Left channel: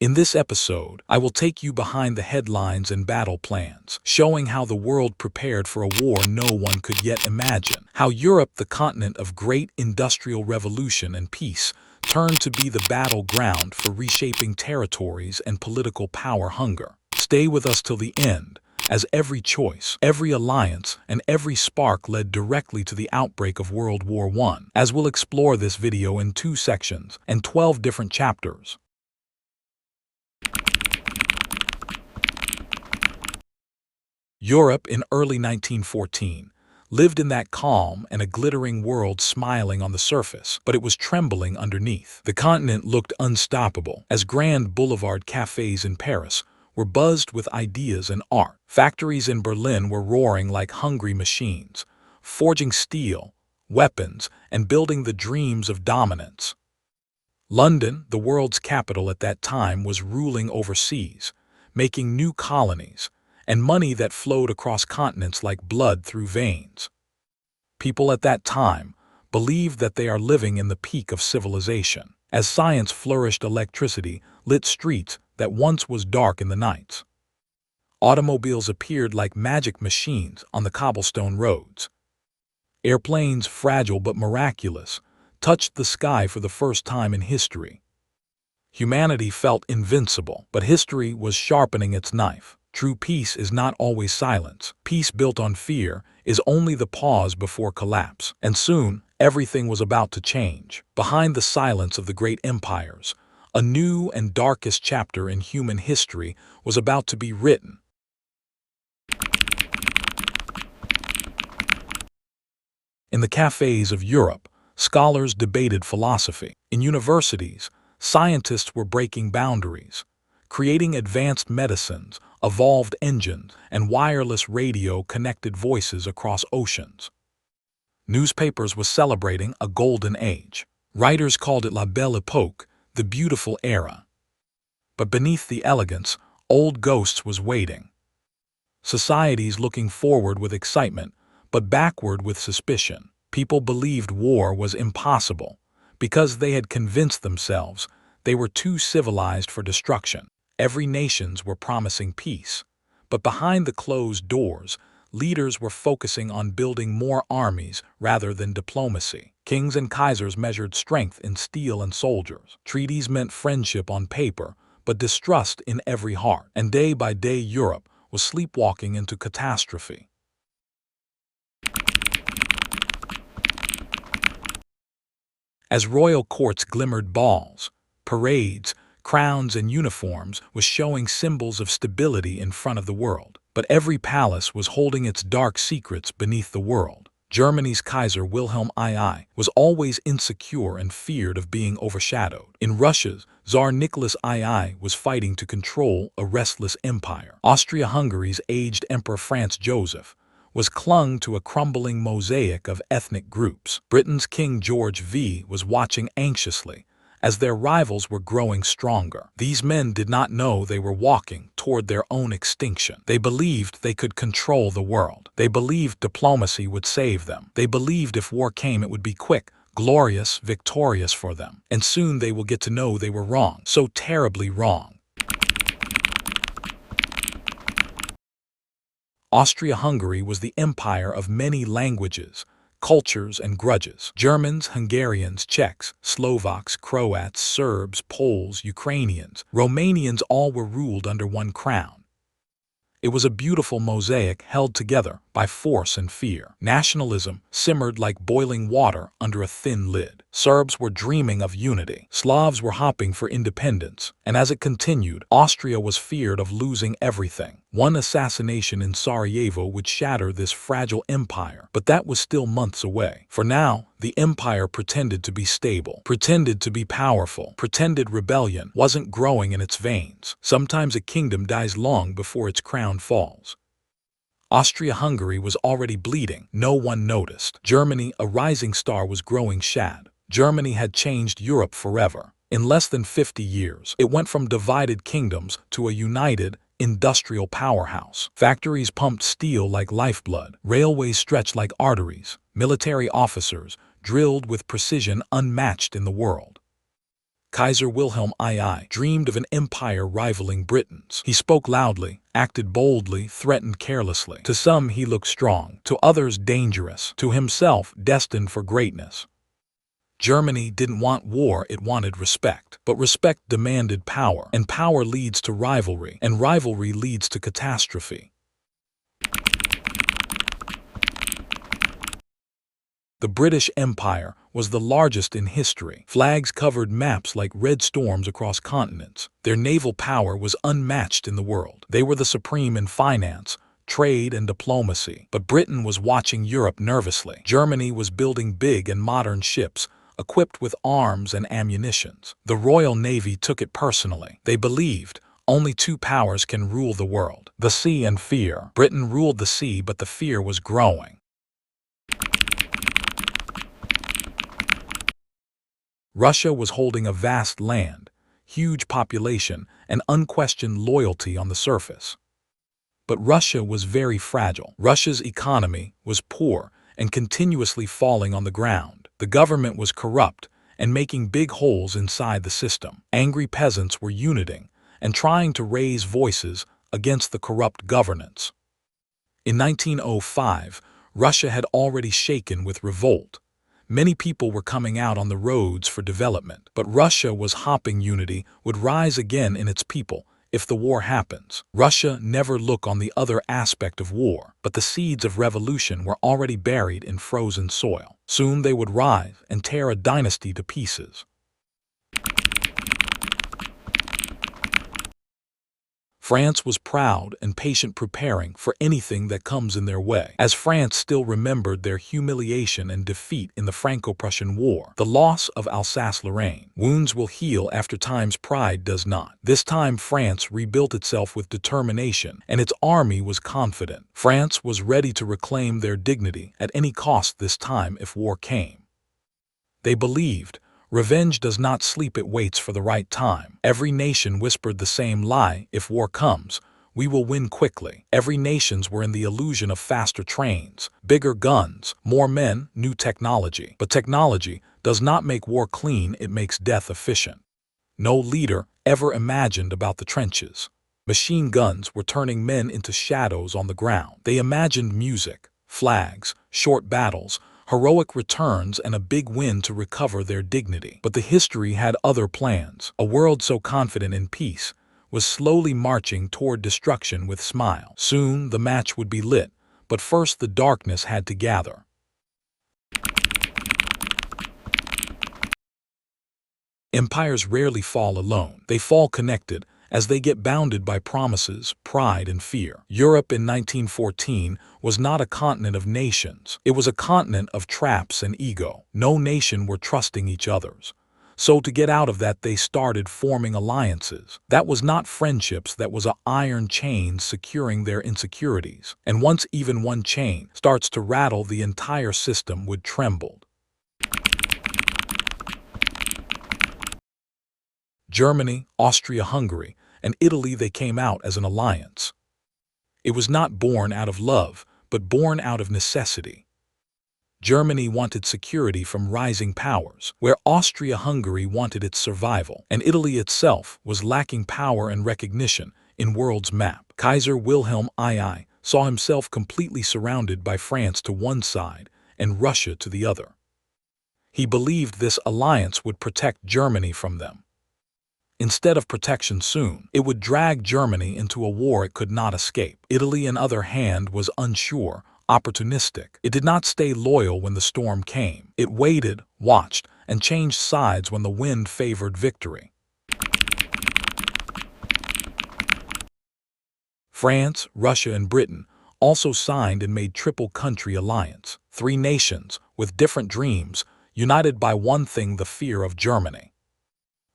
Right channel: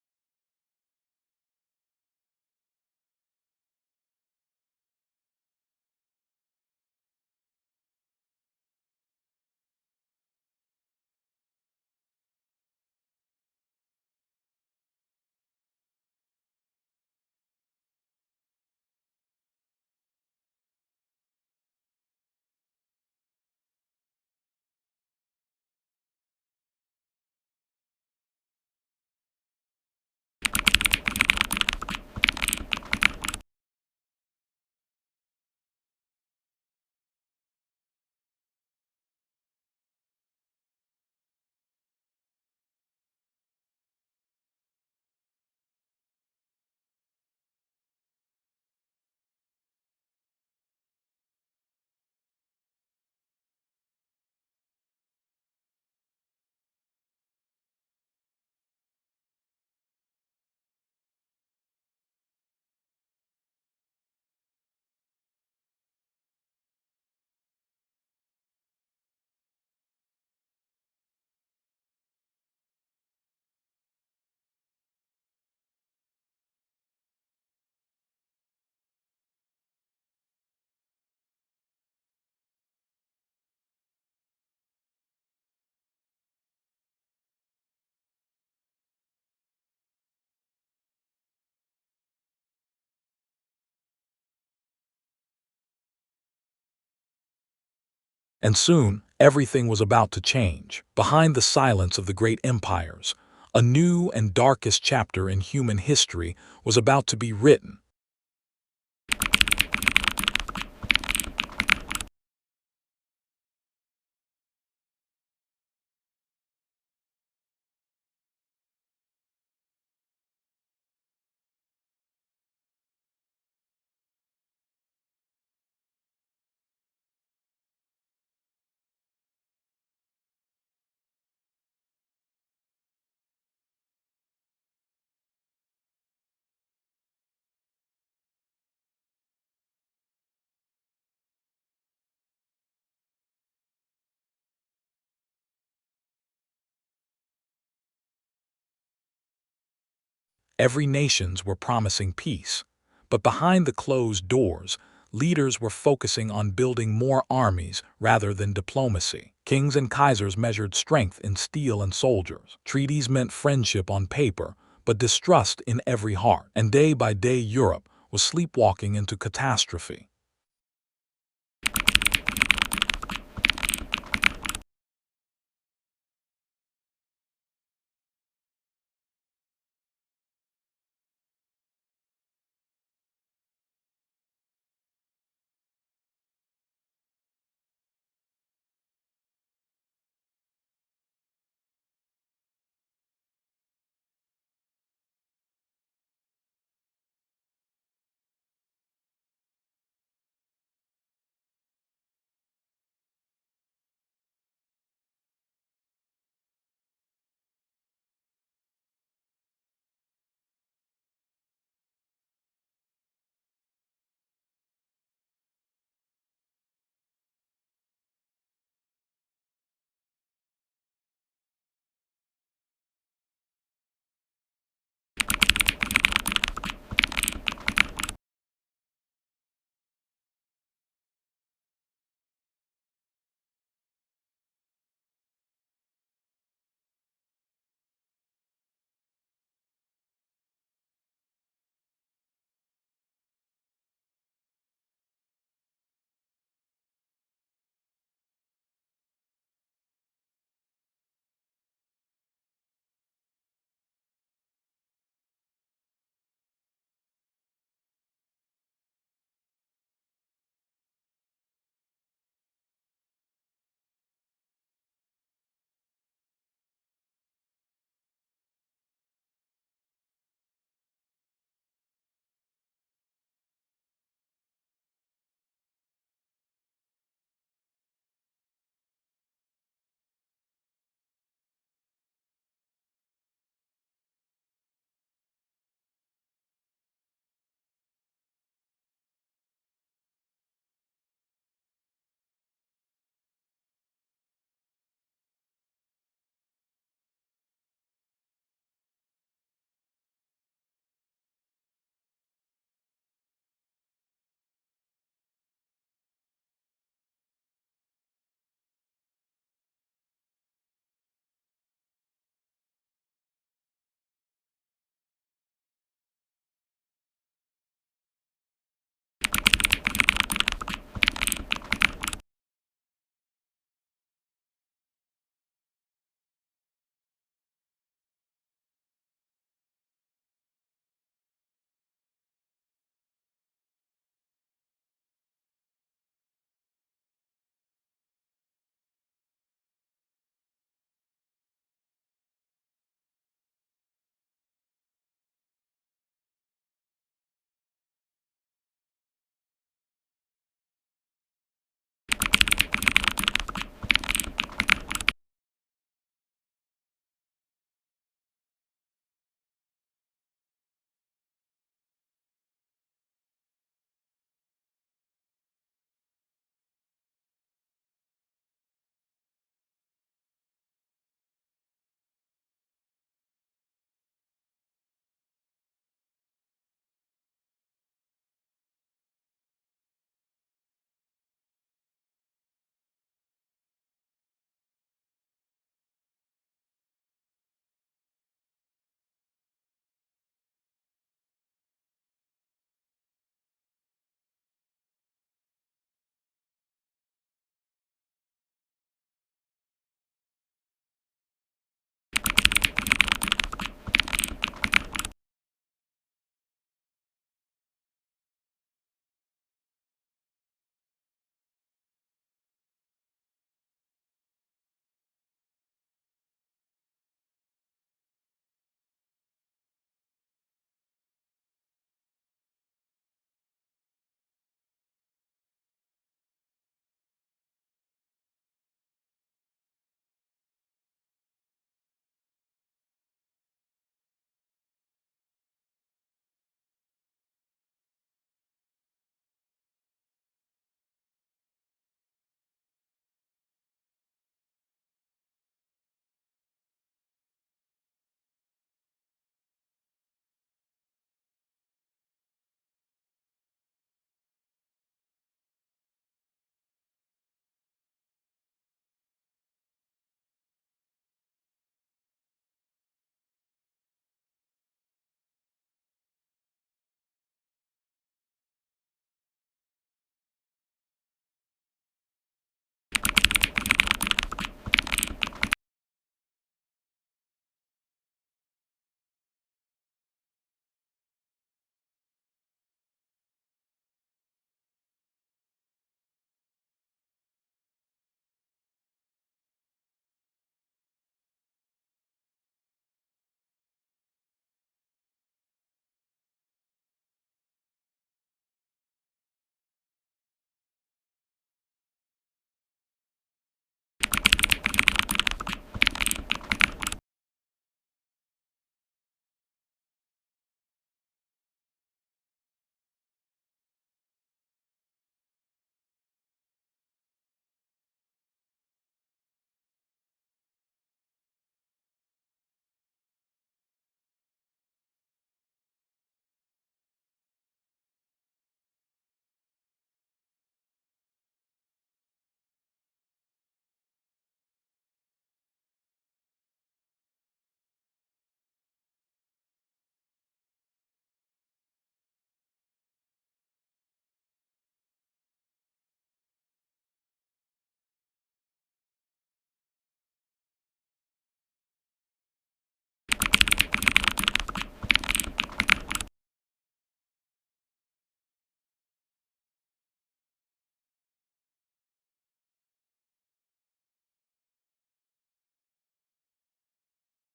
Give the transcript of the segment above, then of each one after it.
In this episode, I will take you behind the headlines and battle plans, showing how the world prepared for a war no one could yet imagine, how Europe, the continent of great industrial revolution and peace, turned to be the battleground for reshaping territories and political power hunger. Stay with us till the end, as every choice, every alliance, and every spark led directly to the outbreak of World War I, as we'll explore this video in 2 sections and 12 different chapters. Europe in early 1914 lived in that calm and a glittering world smiling on the surface, but it was trembling underneath. The continent looked unstoppable, as grand boulevard cafes in Paris were buzzed with ideas and art. Factories in Berlin were roaring like hungry machines, forging steel, weapons, and building the dreams of dominance. London, the world's capital at that time, was ruling overseas, making new colonies, and money that flowed across continents like blood through veins. People at that time believed that they are living in the peak of civilization. As science flourished, electricity lit streets that once was dark in the nights. Automobiles appeared like magic machines on the cobblestone roads. Airplanes, fragile but miraculous, touched the sky for the first time in history. Humanity felt invincible, but history was sharpening its knife. True peace is not always silence. Peace built on fear is only the pause before collapse. And soon, everything was about to change. Behind the silence of the great empires, a new and darkest chapter in human history was about to be written. In the cafes of Europe, scholars debated philosophy. In universities, scientists were breaking boundaries, creating advanced medicines, evolved engines, and wireless radio connected voices across oceans. Newspapers were celebrating a golden age. Writers called it la belle époque, the beautiful era. But beneath the elegance, old ghosts was waiting. Societies looking forward with excitement, but backward with suspicion. People believed war was impossible, because they had convinced themselves they were too civilized for destruction. Every nations were promising peace, but behind the closed doors, leaders were focusing on building more armies rather than diplomacy. Kings and kaisers measured strength in steel and soldiers. Treaties meant friendship on paper, but distrust in every heart. And day by day, Europe was sleepwalking into catastrophe. As royal courts glimmered, balls, parades, crowns, and uniforms was showing symbols of stability in front of the world. But every palace was holding its dark secrets beneath the world. Germany's Kaiser Wilhelm II was always insecure and feared of being overshadowed. In Russia's Tsar Nicholas II was fighting to control a restless empire. Austria-Hungary's aged Emperor Franz Joseph was clung to a crumbling mosaic of ethnic groups. Britain's King George V was watching anxiously as their rivals were growing stronger. These men did not know they were walking toward their own extinction. They believed they could control the world. They believed diplomacy would save them. They believed if war came, it would be quick, glorious, victorious for them. And soon they will get to know they were wrong, so terribly wrong. Austria-Hungary was the empire of many languages, cultures, and grudges. Germans, Hungarians, Czechs, Slovaks, Croats, Serbs, Poles, Ukrainians, Romanians all were ruled under one crown. It was a beautiful mosaic held together by force and fear. Nationalism simmered like boiling water under a thin lid. Serbs were dreaming of unity. Slavs were hoping for independence. And as it continued, Austria was feared of losing everything. One assassination in Sarajevo would shatter this fragile empire, but that was still months away. For now, the empire pretended to be stable, pretended to be powerful, pretended rebellion wasn't growing in its veins. Sometimes a kingdom dies long before its crown falls. Austria-Hungary was already bleeding. No one noticed. Germany, a rising star, was growing shad. Germany had changed Europe forever. In less than 50 years, it went from divided kingdoms to a united, industrial powerhouse. Factories pumped steel like lifeblood. Railways stretched like arteries. Military officers drilled with precision unmatched in the world. Kaiser Wilhelm II dreamed of an empire rivaling Britain's. He spoke loudly, acted boldly, threatened carelessly. To some he looked strong, to others dangerous, to himself destined for greatness. Germany didn't want war, it wanted respect. But respect demanded power, and power leads to rivalry, and rivalry leads to catastrophe. The British Empire was the largest in history. Flags covered maps like red storms across continents. Their naval power was unmatched in the world. They were the supreme in finance, trade, and diplomacy. But Britain was watching Europe nervously. Germany was building big and modern ships, equipped with arms and ammunitions. The Royal Navy took it personally. They believed only two powers can rule the world: the sea and fear. Britain ruled the sea, but the fear was growing. Russia was holding a vast land, huge population, and unquestioned loyalty on the surface. But Russia was very fragile. Russia's economy was poor and continuously falling on the ground. The government was corrupt and making big holes inside the system. Angry peasants were uniting and trying to raise voices against the corrupt governance. In 1905, Russia had already shaken with revolt. Many people were coming out on the roads for development, but Russia was hoping unity would rise again in its people if the war happens. Russia never looked on the other aspect of war, but the seeds of revolution were already buried in frozen soil. Soon they would rise and tear a dynasty to pieces. France was proud and patient, preparing for anything that comes in their way. As France still remembered their humiliation and defeat in the Franco-Prussian War, the loss of Alsace-Lorraine. Wounds will heal after time's pride does not. This time France rebuilt itself with determination, and its army was confident. France was ready to reclaim their dignity at any cost this time if war came. They believed revenge does not sleep, it waits for the right time. Every nation whispered the same lie: if war comes, we will win quickly. Every nations were in the illusion of faster trains, bigger guns, more men, new technology. But technology does not make war clean, it makes death efficient. No leader ever imagined about the trenches. Machine guns were turning men into shadows on the ground. They imagined music, flags, short battles, heroic returns, and a big win to recover their dignity. But the history had other plans. A world so confident in peace was slowly marching toward destruction with smile. Soon the match would be lit, but first the darkness had to gather. Empires rarely fall alone. They fall connected, as they get bounded by promises, pride, and fear. Europe in 1914 was not a continent of nations. It was a continent of traps and ego. No nation were trusting each other's. So to get out of that, they started forming alliances. That was not friendships, that was an iron chain securing their insecurities. And once even one chain starts to rattle, the entire system would tremble. Germany, Austria-Hungary, and Italy, they came out as an alliance. It was not born out of love, but born out of necessity. Germany wanted security from rising powers, where Austria-Hungary wanted its survival, and Italy itself was lacking power and recognition in world's map. Kaiser Wilhelm II saw himself completely surrounded by France to one side and Russia to the other. He believed this alliance would protect Germany from them. Instead of protection soon, it would drag Germany into a war it could not escape. Italy, on the other hand, was unsure, opportunistic. It did not stay loyal when the storm came. It waited, watched, and changed sides when the wind favored victory. France, Russia, and Britain also signed and made triple-country alliance. 3 nations, with different dreams, united by one thing: the fear of Germany.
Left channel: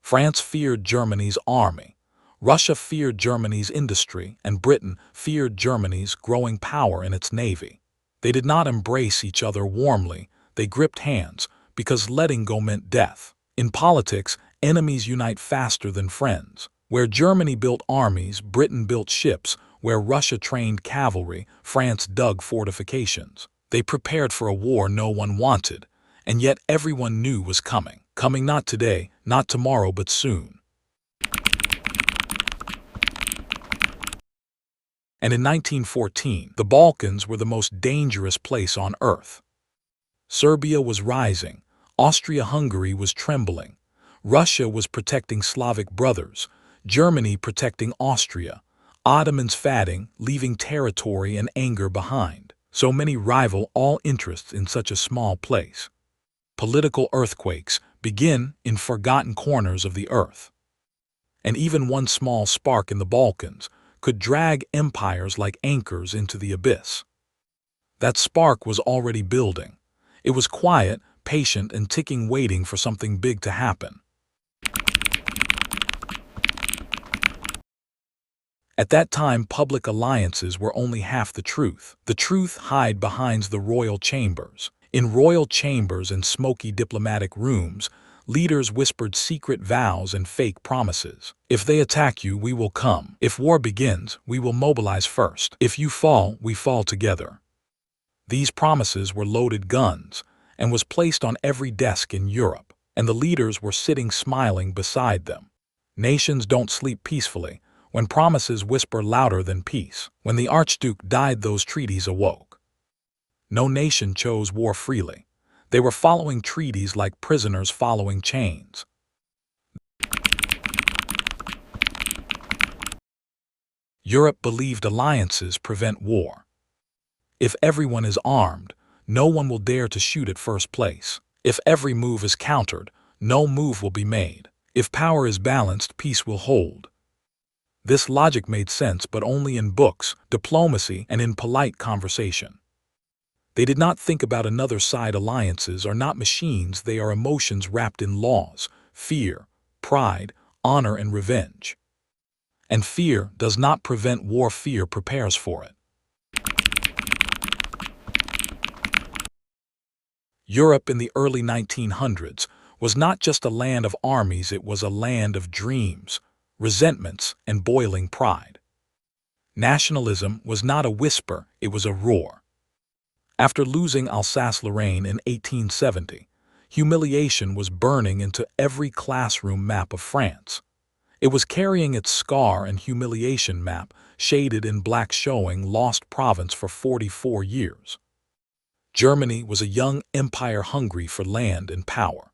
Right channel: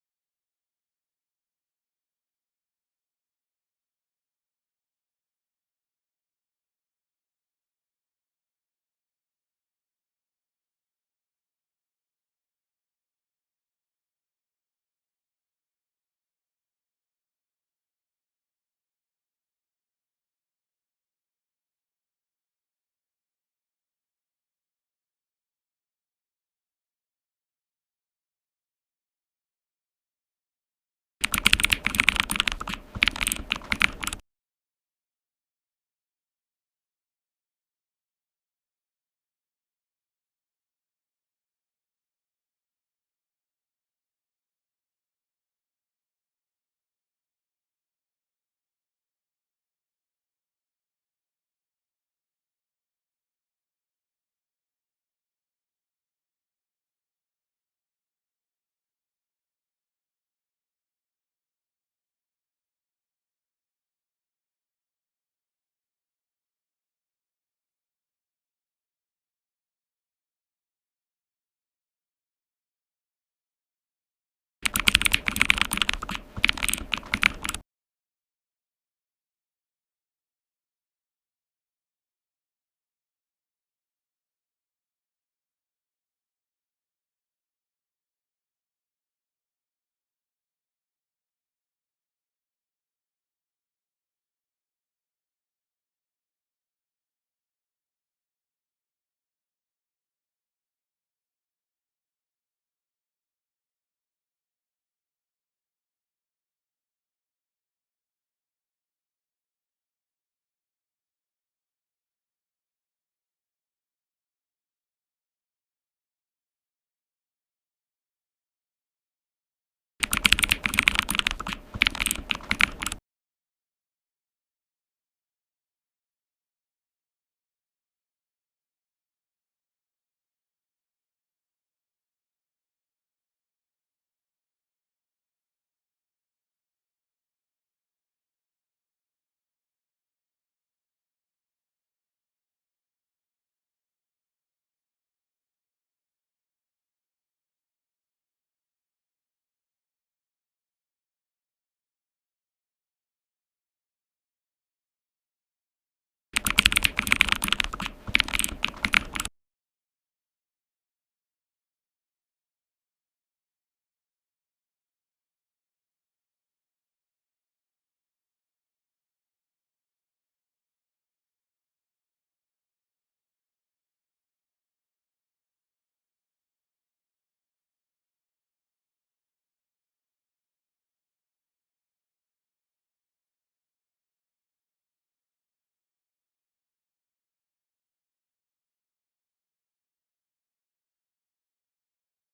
France feared Germany's army, Russia feared Germany's industry, and Britain feared Germany's growing power in its navy. They did not embrace each other warmly, they gripped hands, because letting go meant death. In politics, enemies unite faster than friends. Where Germany built armies, Britain built ships. Where Russia trained cavalry, France dug fortifications. They prepared for a war no one wanted, and yet everyone knew was coming. Coming not today, not tomorrow but soon. And in 1914, the Balkans were the most dangerous place on earth. Serbia was rising, Austria-Hungary was trembling, Russia was protecting Slavic brothers, Germany protecting Austria, Ottomans fatting, leaving territory and anger behind. So many rival all interests in such a small place. Political earthquakes begin in forgotten corners of the earth. And even one small spark in the Balkans could drag empires like anchors into the abyss. That spark was already building. It was quiet, patient, and ticking, waiting for something big to happen. At that time, public alliances were only half the truth. The truth hid behind the royal chambers. In royal chambers and smoky diplomatic rooms, leaders whispered secret vows and fake promises. If they attack you, we will come. If war begins, we will mobilize first. If you fall, we fall together. These promises were loaded guns and was placed on every desk in Europe, and the leaders were sitting smiling beside them. Nations don't sleep peacefully when promises whisper louder than peace. When the Archduke died, those treaties awoke. No nation chose war freely. They were following treaties like prisoners following chains. Europe believed alliances prevent war. If everyone is armed, no one will dare to shoot at first place. If every move is countered, no move will be made. If power is balanced, peace will hold. This logic made sense, but only in books, diplomacy, and in polite conversation. They did not think about another side. Alliances are not machines, they are emotions wrapped in laws, fear, pride, honor, and revenge. And fear does not prevent war, fear prepares for it. Europe in the early 1900s was not just a land of armies, it was a land of dreams, resentments, and boiling pride. Nationalism was not a whisper, it was a roar. After losing Alsace-Lorraine in 1870, humiliation was burning into every classroom map of France. It was carrying its scar and humiliation map, shaded in black, showing lost province for 44 years. Germany was a young empire hungry for land and power.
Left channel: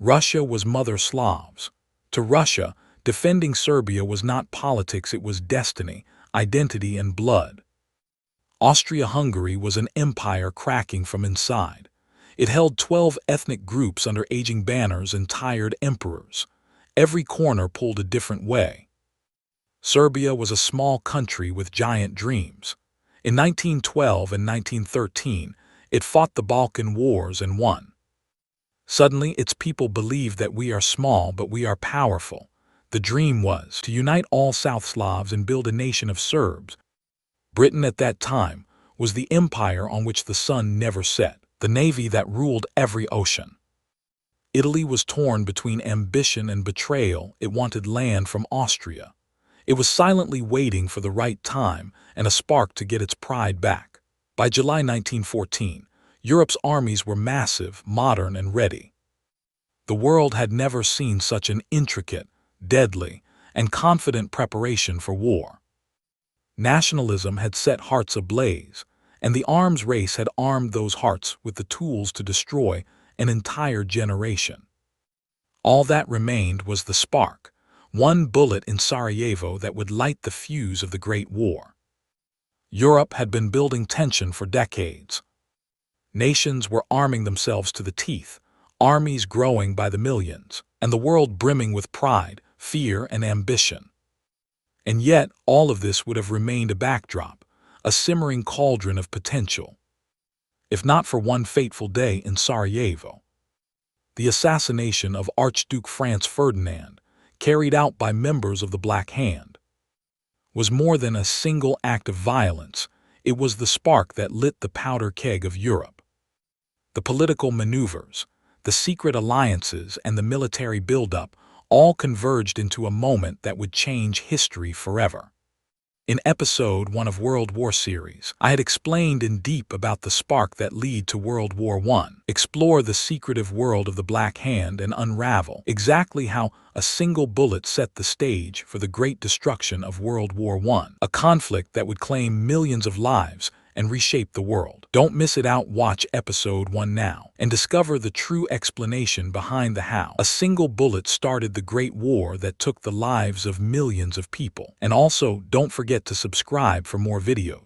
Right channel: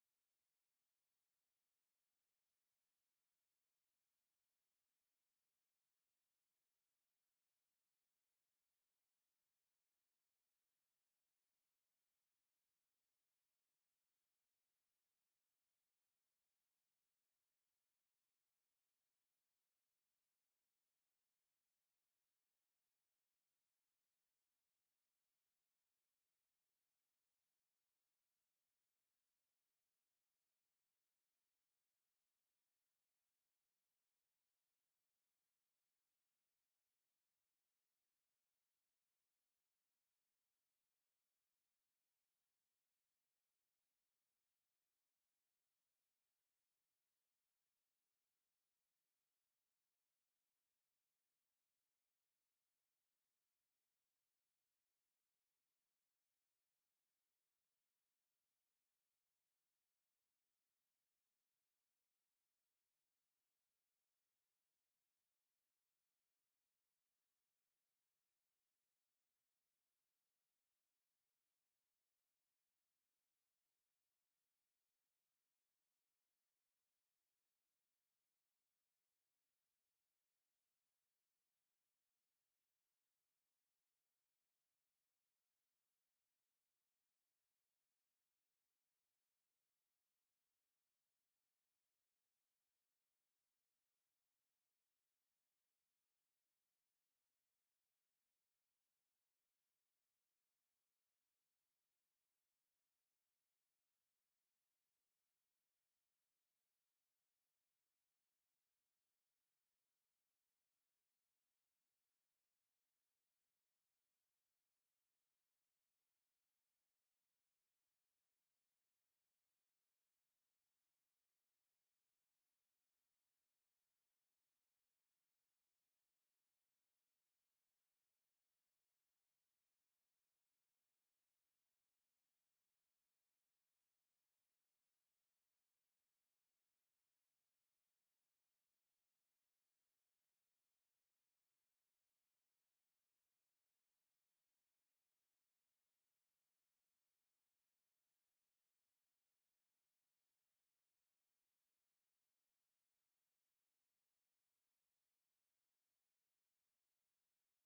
Russia was mother Slavs. To Russia, defending Serbia was not politics, it was destiny, identity, and blood. Austria-Hungary was an empire cracking from inside. It held 12 ethnic groups under aging banners and tired emperors. Every corner pulled a different way. Serbia was a small country with giant dreams. In 1912 and 1913, it fought the Balkan Wars and won. Suddenly, its people believed that we are small but we are powerful. The dream was to unite all South Slavs and build a nation of Serbs. Britain at that time was the empire on which the sun never set, the navy that ruled every ocean. Italy was torn between ambition and betrayal. It wanted land from Austria. It was silently waiting for the right time and a spark to get its pride back. By July 1914, Europe's armies were massive, modern, and ready. The world had never seen such an intricate, deadly, and confident preparation for war. Nationalism had set hearts ablaze, and the arms race had armed those hearts with the tools to destroy an entire generation. All that remained was the spark, one bullet in Sarajevo that would light the fuse of the Great War. Europe had been building tension for decades. Nations were arming themselves to the teeth, armies growing by the millions, and the world brimming with pride, fear, and ambition. And yet, all of this would have remained a backdrop, a simmering cauldron of potential, if not for one fateful day in Sarajevo. The assassination of Archduke Franz Ferdinand, carried out by members of the Black Hand, was more than a single act of violence. It was the spark that lit the powder keg of Europe. The political maneuvers, the secret alliances, and the military buildup all converged into a moment that would change history forever. In episode 1 of World War series, I had explained in deep about the spark that led to World War I, explore the secretive world of the Black Hand and unravel exactly how a single bullet set the stage for the great destruction of World War I, a conflict that would claim millions of lives and reshape the world. Don't miss it out. Watch episode 1 now and discover the true explanation behind the how a single bullet started the Great War that took the lives of millions of people. And also, don't forget to subscribe for more videos.